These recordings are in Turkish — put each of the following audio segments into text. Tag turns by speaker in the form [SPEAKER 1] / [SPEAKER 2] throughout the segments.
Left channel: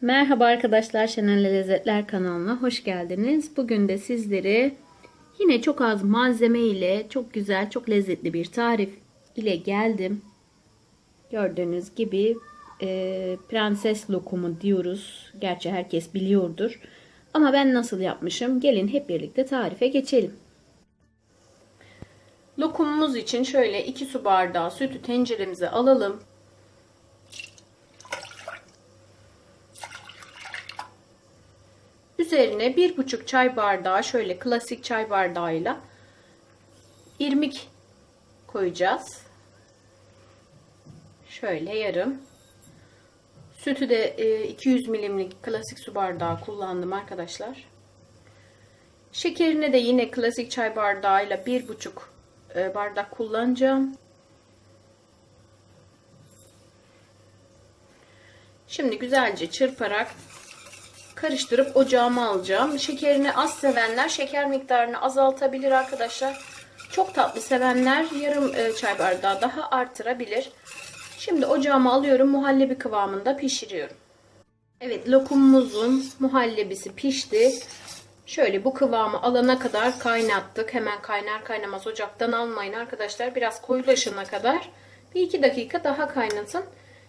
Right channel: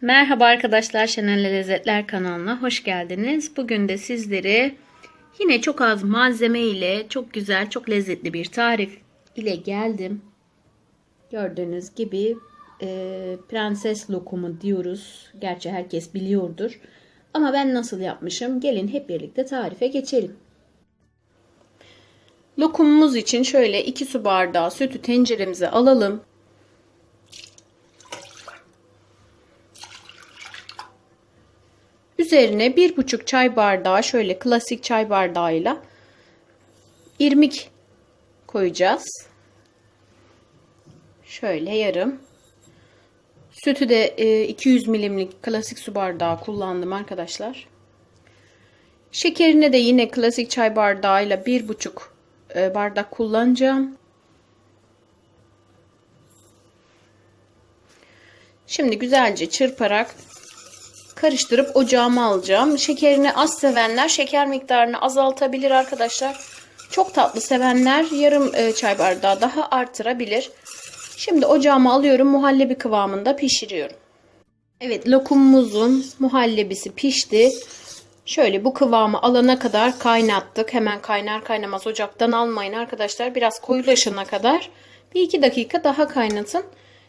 [SPEAKER 1] Merhaba arkadaşlar Şenel Lezzetler kanalına hoş geldiniz. Bugün de sizlere yine çok az malzeme ile çok güzel çok lezzetli bir tarif ile geldim. Gördüğünüz gibi e, prenses lokumu diyoruz. Gerçi herkes biliyordur. Ama ben nasıl yapmışım? Gelin hep birlikte tarife geçelim. Lokumumuz için şöyle 2 su bardağı sütü tenceremize alalım. Üzerine bir buçuk çay bardağı şöyle klasik çay bardağıyla irmik koyacağız. Şöyle yarım. Sütü de 200 milimlik klasik su bardağı kullandım arkadaşlar. Şekerini de yine klasik çay bardağıyla bir buçuk e, bardak kullanacağım. Şimdi güzelce çırparak karıştırıp ocağıma alacağım. Şekerini az sevenler şeker miktarını azaltabilir arkadaşlar. Çok tatlı sevenler yarım e, çay bardağı daha artırabilir. Şimdi ocağıma alıyorum. Muhallebi kıvamında pişiriyorum. Evet lokumumuzun muhallebisi pişti. Şöyle bu kıvamı alana kadar kaynattık. Hemen kaynar kaynamaz ocaktan almayın arkadaşlar. Biraz koyulaşana kadar bir iki dakika daha kaynatın.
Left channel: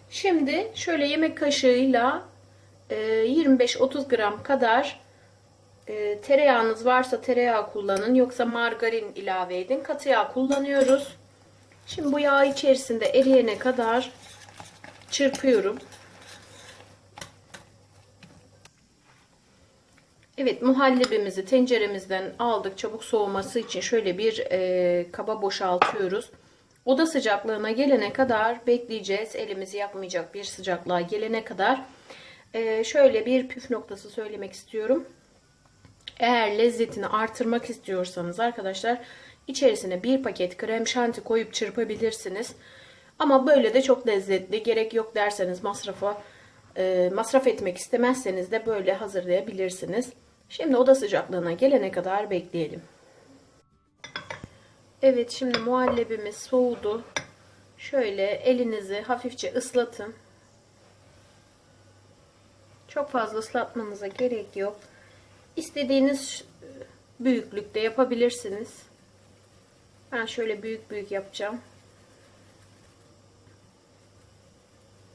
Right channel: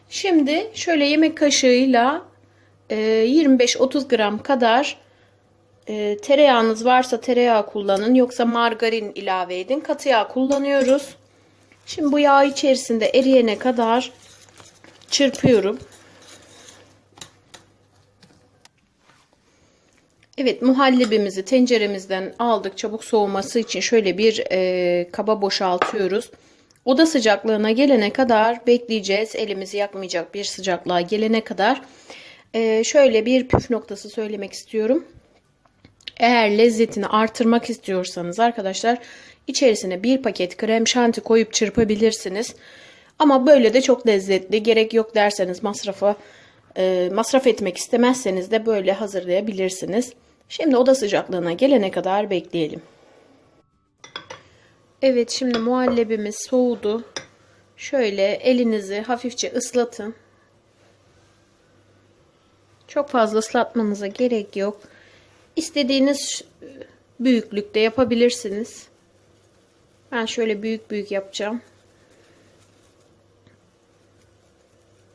[SPEAKER 1] Şimdi şöyle yemek kaşığıyla 25-30 gram kadar e, tereyağınız varsa tereyağı kullanın. Yoksa margarin ilave edin. Katı yağ kullanıyoruz. Şimdi bu yağ içerisinde eriyene kadar çırpıyorum. Evet muhallebimizi tenceremizden aldık. Çabuk soğuması için şöyle bir e, kaba boşaltıyoruz. Oda sıcaklığına gelene kadar bekleyeceğiz. Elimizi yakmayacak bir sıcaklığa gelene kadar. Ee, şöyle bir püf noktası söylemek istiyorum. Eğer lezzetini artırmak istiyorsanız arkadaşlar içerisine bir paket krem şanti koyup çırpabilirsiniz. Ama böyle de çok lezzetli. Gerek yok derseniz masrafa e, masraf etmek istemezseniz de böyle hazırlayabilirsiniz. Şimdi oda sıcaklığına gelene kadar bekleyelim. Evet şimdi muhallebimiz soğudu. Şöyle elinizi hafifçe ıslatın. Çok fazla ıslatmanıza gerek yok. İstediğiniz büyüklükte yapabilirsiniz. Ben şöyle büyük büyük yapacağım.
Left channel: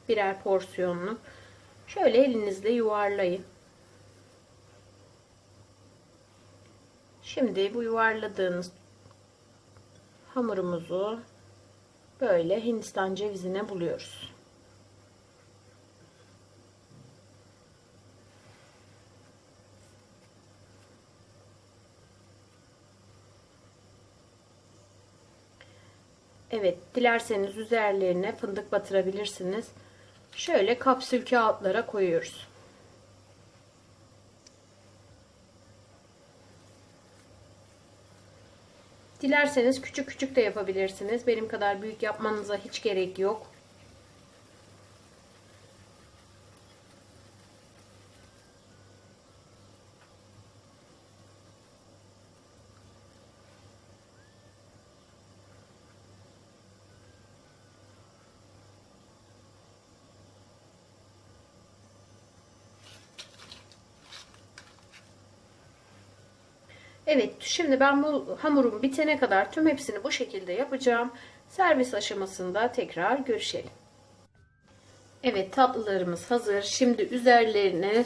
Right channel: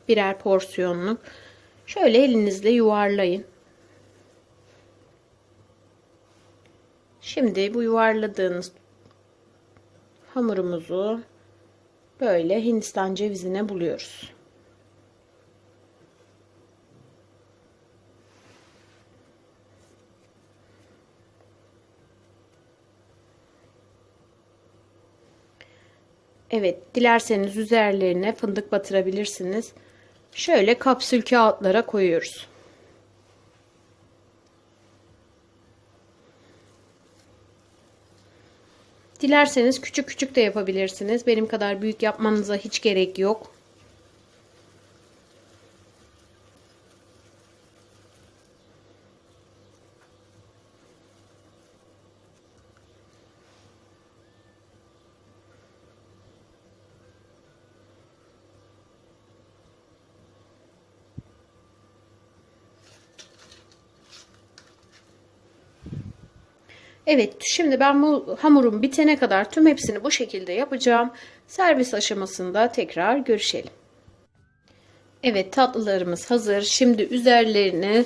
[SPEAKER 1] Birer porsiyonluk. Şöyle elinizle yuvarlayın. Şimdi bu yuvarladığınız hamurumuzu böyle Hindistan cevizine buluyoruz. Evet, dilerseniz üzerlerine fındık batırabilirsiniz. Şöyle kapsül kağıtlara koyuyoruz. Dilerseniz küçük küçük de yapabilirsiniz. Benim kadar büyük yapmanıza hiç gerek yok. Evet şimdi ben bu hamurum bitene kadar tüm hepsini bu şekilde yapacağım. Servis aşamasında tekrar görüşelim. Evet tatlılarımız hazır. Şimdi üzerlerini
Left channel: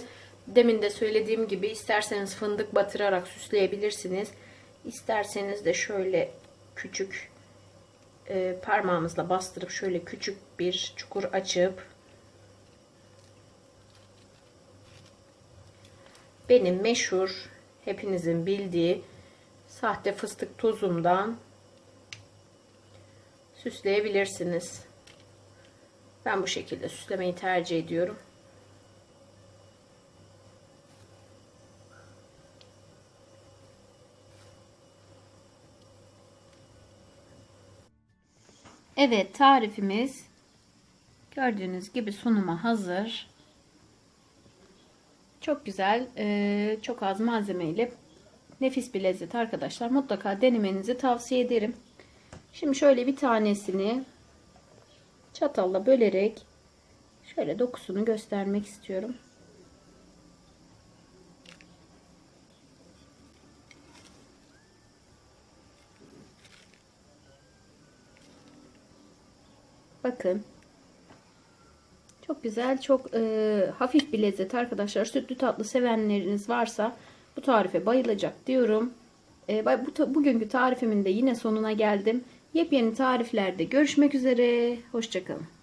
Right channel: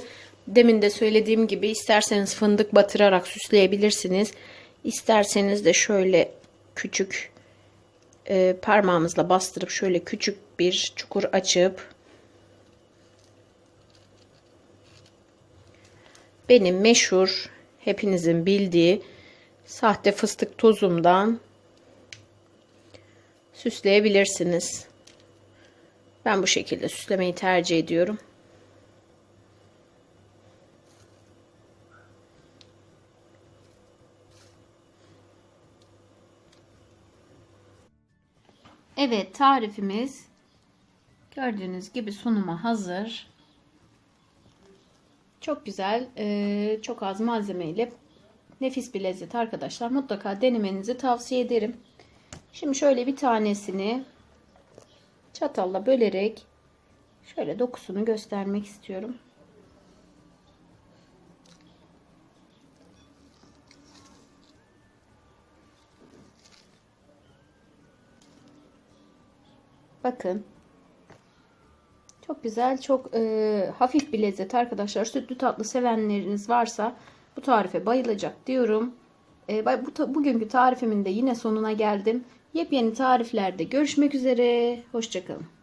[SPEAKER 1] demin de söylediğim gibi isterseniz fındık batırarak süsleyebilirsiniz. İsterseniz de şöyle küçük e, parmağımızla bastırıp şöyle küçük bir çukur açıp benim meşhur hepinizin bildiği sahte fıstık tozumdan süsleyebilirsiniz. Ben bu şekilde süslemeyi tercih ediyorum. Evet tarifimiz gördüğünüz gibi sunuma hazır. Çok güzel, e, çok az malzeme ile nefis bir lezzet arkadaşlar. Mutlaka denemenizi tavsiye ederim. Şimdi şöyle bir tanesini çatalla bölerek şöyle dokusunu göstermek istiyorum. Bakın çok güzel, çok e, hafif bir lezzet arkadaşlar. Sütlü tatlı sevenleriniz varsa bu tarife bayılacak diyorum. E, bu, bugünkü tarifimin de yine sonuna geldim. Yepyeni tariflerde görüşmek üzere. Hoşçakalın.